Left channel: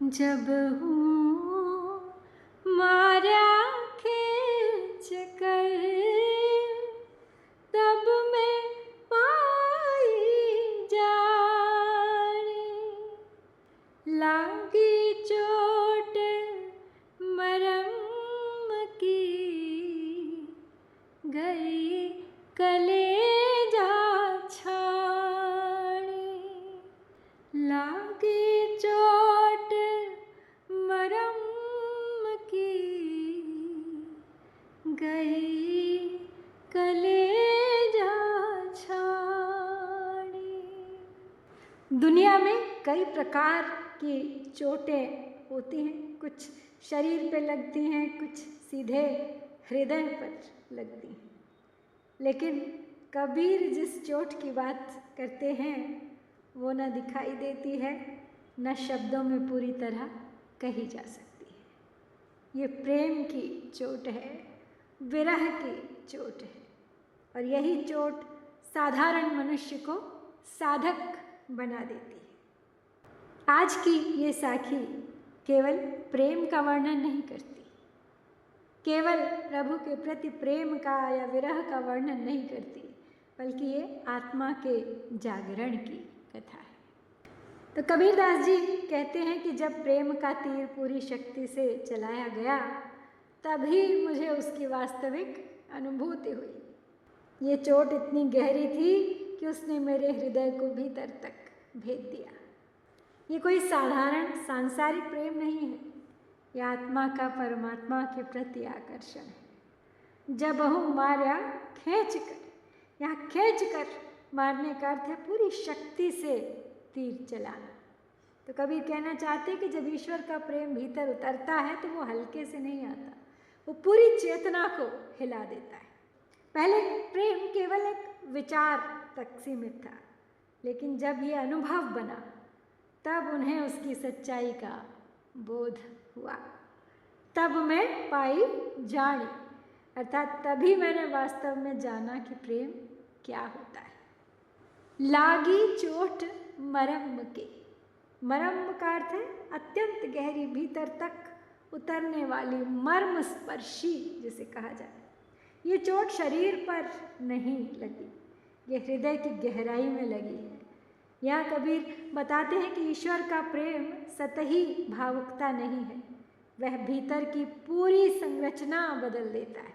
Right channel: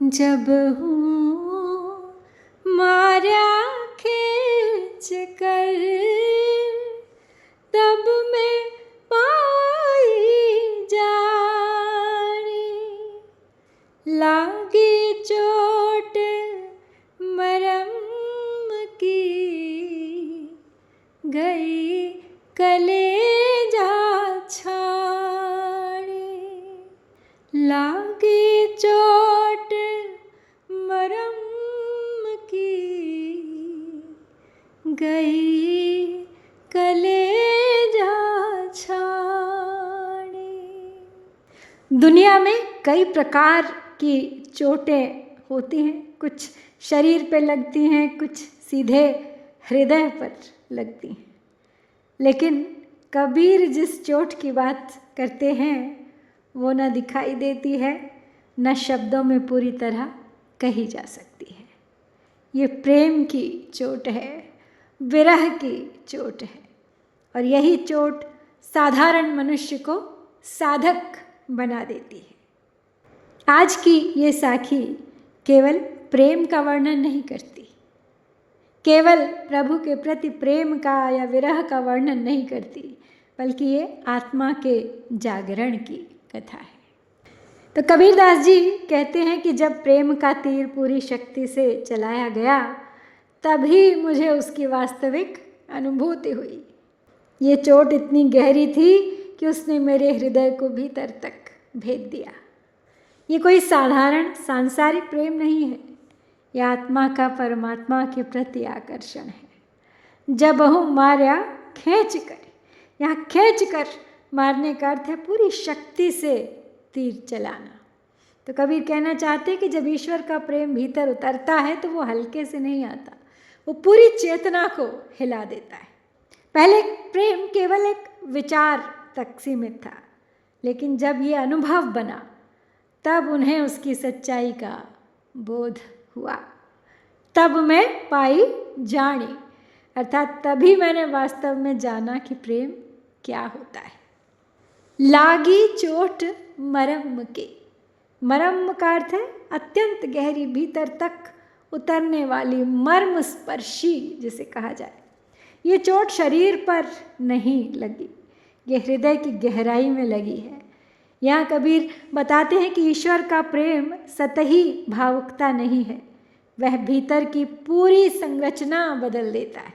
जब हूँ मारा खींच कर, तब मैं पाई जानी। लागी चोट मरम की, गई कलेजा छानी। लागी चोट मरम की, गई कलेजा छानी। दुनिया में कई प्रकार की चोटें होती हैं। कुछ शरीर पे लगती हैं, कुछ सीधे हृदय पर लगती हैं। लेकिन कबीर जिस चोट की बात करते हैं वो न दिखाई देती है, न शब्दों में पूरी तरह कही जा सकती है। ये प्रेम की चोट है, विरह की चोट है। और यही चोट साधारण मनुष्य को साधक बना देती है। आज की ये साखी केवल प्रेम का वर्णन नहीं करती, केवल प्रभु के प्रति प्रेम का या विरह का वर्णन नहीं करती, बल्कि ये आत्मा के जागरण की कथा है। तो कबीरदास जी कहते हैं कि जब प्रेम का तीर पूरी शक्ति से चलाया गया, तभी मुझे उसकी वास्तविक अनुभूति हुई। ये चोट इतनी गहरी थी कि उसने मेरे हृदय को भीतर तक भेद दिया। ये कोई साधारण सांसारिक प्रेम नहीं है, यह आत्मा का परमात्मा के प्रति आकर्षण है। जब हूँ मारा खींच कर, यहाँ खींच कर मारने का अर्थ है पूरी शक्ति से तीर चलाना। तो कबीर कहना चाहते कि जब ईश्वर का प्रेम भीतर उतरता है तो वो हल्के से नहीं आता, वो पूरी चेतना को हिला देता है। पहले प्रेम केवल एक विचार तक सीमित था, लेकिन जब ये अनुभव बना तब उन्हें उसकी सच्चाई का बोध हुआ। तब मैं पाई जानी, अर्थात तभी मैंने वास्तव में जाना कि प्रेम क्या होता है। लागी चोट मरम के, मरम का अर्थ है अत्यंत गहरी, भीतर तक उतरने वाली, मर्म स्पर्शी जिसे कहा जाए। ये चोट शरीर पर नहीं लगी, ये हृदय की गहराई में लगी है। यहाँ कबीर बताते हैं कि ईश्वर का प्रेम सतही भावुकता नहीं है, वह भीतर की पूरी संरचना बदल देता है।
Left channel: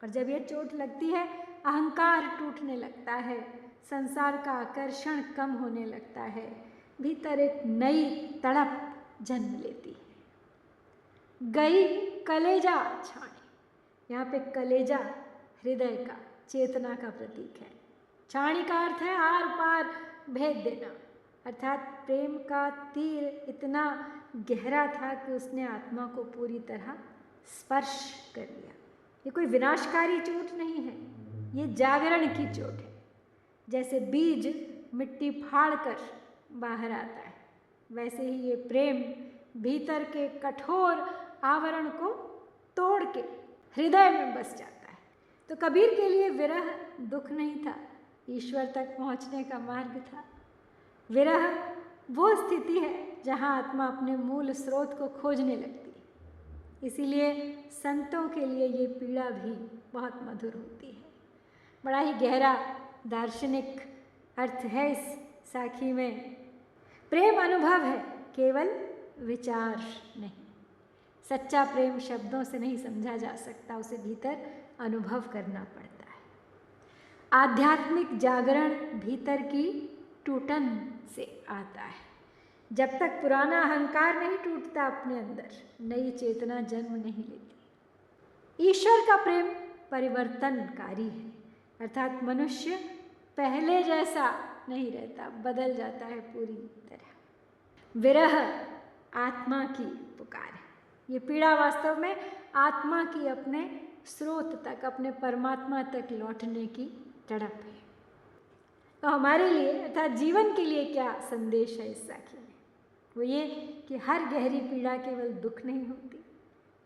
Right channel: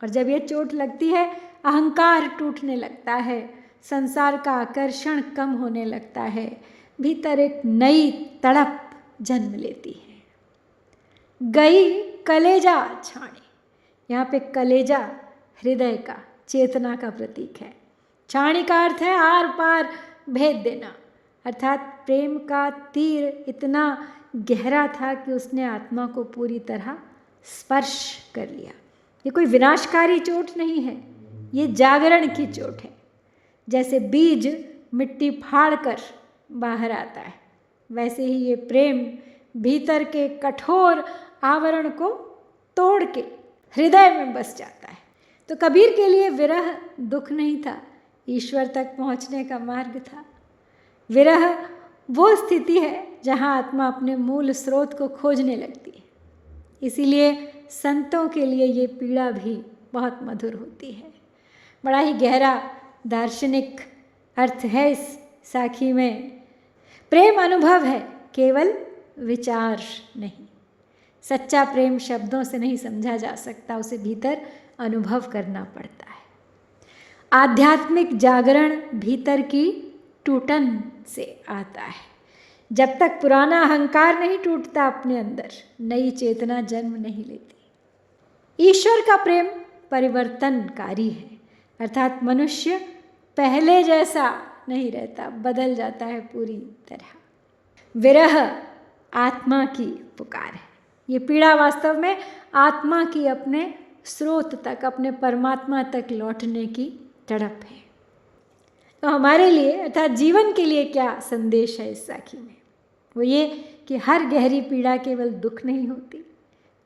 और जब ये चोट लगती है, अहंकार टूटने लगता है, संसार का आकर्षण कम होने लगता है, भीतर एक नई तड़प जन्म लेती है। गई कलेजा छानी, यहाँ पे कलेजा हृदय का, चेतना का प्रतीक है। छानी का अर्थ है आर पार भेद देना, अर्थात प्रेम का तीर इतना गहरा था कि उसने आत्मा को पूरी तरह स्पर्श कर लिया। ये कोई विनाशकारी चोट नहीं है, ये जागरण की चोट है। जैसे बीज मिट्टी फाड़ कर बाहर आता है, वैसे ही ये प्रेम भीतर के कठोर आवरण को तोड़ के हृदय में बस जाता है। तो कबीर के लिए विरह दुख नहीं था, ईश्वर तक पहुंचने का मार्ग था। विरह वो स्थिति है जहां आत्मा अपने मूल स्रोत को खोजने लगती है। इसीलिए संतों के लिए ये पीड़ा भी बहुत मधुर होती है। बड़ा ही गहरा दार्शनिक अर्थ है इस साखी में। प्रेम अनुभव है, केवल विचार नहीं। सच्चा प्रेम शब्दों से नहीं समझा जा सकता, उसे भीतर अनुभव करना पड़ता है। आध्यात्मिक जागरण भीतर की टूटन से आता है। जब तक पुराना अहंकार नहीं टूटता अपने अंदर, नई चेतना जन्म नहीं लेती। ईश्वर का प्रेम परिवर्तनकारी है, अर्थात मनुष्य पहले जैसा नहीं रहता, बदल जाता है पूरी तरह। विरह आत्मा की पुकार है। ये पीड़ा वास्तव में आत्मा की अपने स्रोत तक, अपने परमात्मा तक लौटने की तड़प है। तो हमारे लिए अर्थात जीवन के लिए क्या संदेश है इस साखी में? वो ये कि हर गहरी पीड़ा केवल दुख नहीं होती,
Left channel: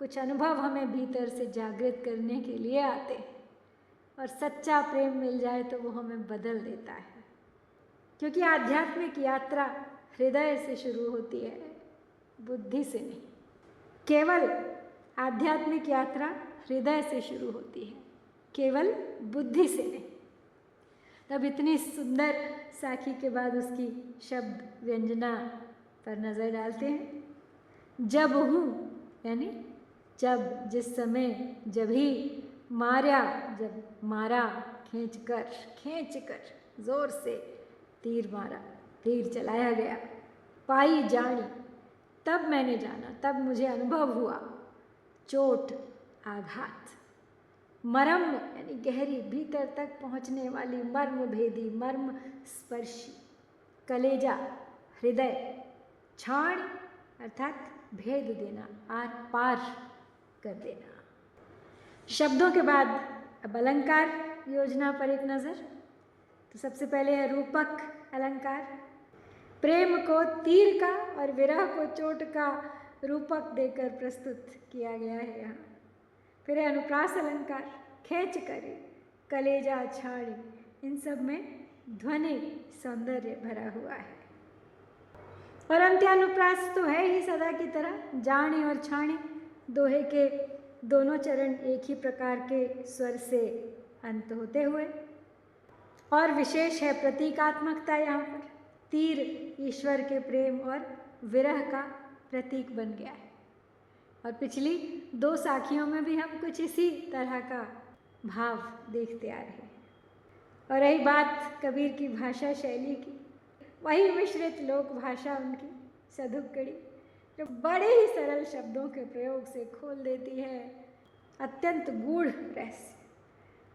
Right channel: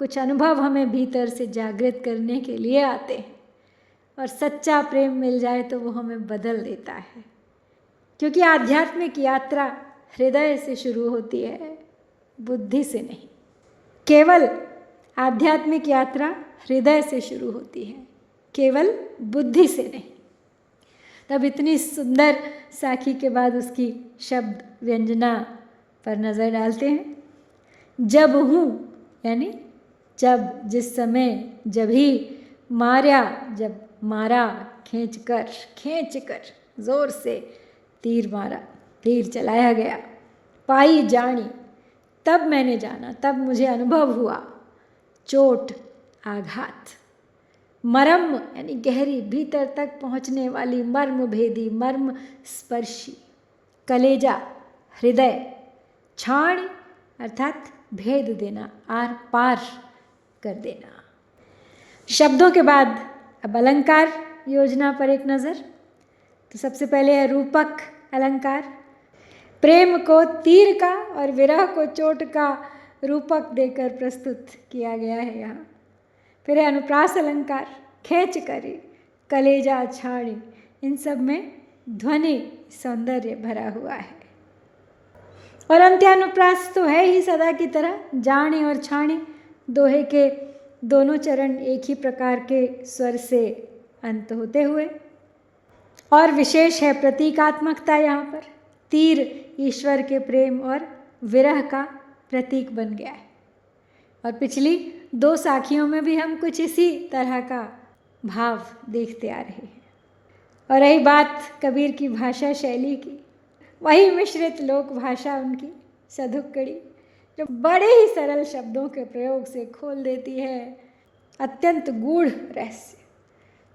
कुछ अनुभव हमें भीतर से जागृत करने के लिए आते हैं। और सच्चा प्रेम मिल जाए तो वो हमें बदल देता है, क्योंकि आध्यात्मिक यात्रा हृदय से शुरू होती है। बुद्धि से नहीं। केवल आध्यात्मिक यात्रा हृदय से शुरू होती है, केवल बुद्धि से नहीं। तब इतनी सुंदर साखी के बाद उसकी शब्द व्यंजना पर नज़र डालते हैं। जब हूँ यानी जब, जिस समय, जब ही, मारा, जब मारा, खींच कर जोर से तीर मारा, तीर चलाया गया। पाई जानी, तब मैंने जाना, तब मुझे अनुभव हुआ। चोट, आघात। मरम यानी गहरी, भीतर तक पहुँचने वाली, मर्म भेदी, मर्म स्पर्शी। कलेजा, हृदय। छाण अर्थात भेद देना, आर पार कर देना। शब्दों के बाद अब अलंकार योजना पर एक नज़र। तो सबसे पहले है रूपक अलंकार। प्रेम को तीर का और विरह को चोट का रूपक देकर प्रस्तुत किया गया है यहाँ। फिर है अनुप्रास अलंकार, खींच करी, कलेजा, छाड़ी। इन सब में ध्वनि सौंदर्य भरा हुआ है। और अंत्यानुप्रास तो है ही सदा की तरह, जानी और छाणी। दोहे के दोनों चरण एक ही प्रकार के स्वर से अंत होते हुए। और विशेष है प्रतीकात्मकता यहाँ पर। तीर ईश्वर के प्रेम और विरह का प्रतीक बन गया है। और पिछली दो साखियों में भी हम कुछ इसी तरह का भाव देखते आ रहे हैं। और रही बात कबीर की भाषा शैली की, वही मिश्रित लोक भाषा उनकी सधुक्कड़ी, जो बड़े ही सरल शब्दों के प्रयोग से खोल देती है अत्यंत गूढ़ रहस्य।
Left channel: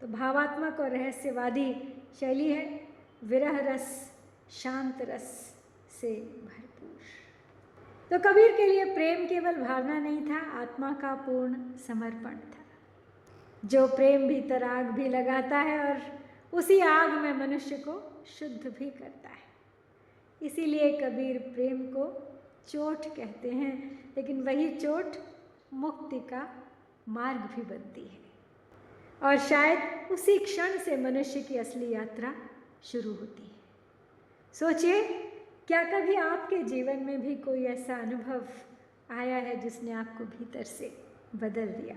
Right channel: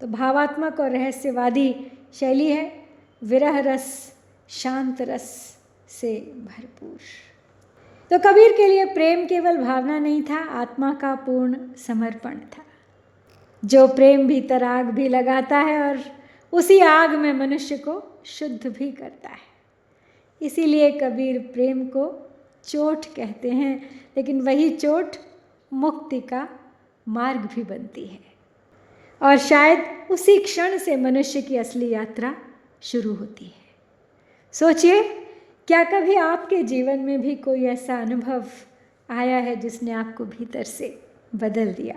तो भावात्मक और रहस्यवादी शैली है, विरह रस, शांत रस से भरपूर। तो कबीर के लिए प्रेम केवल भावना नहीं था, आत्मा का पूर्ण समर्पण था। जो प्रेम भीतर आग भी लगाता है और उसी आग में मनुष्य को शुद्ध भी करता है। इसीलिए कबीर प्रेम को चोट कहते हैं, लेकिन वही चोट मुक्ति का मार्ग भी बनती है। और शायद उसी क्षण से मनुष्य की असली यात्रा शुरू होती है। सोचिए, क्या कभी आपके जीवन में भी कोई ऐसा अनुभव आया है जिसने आपको भीतर से बदल दिया?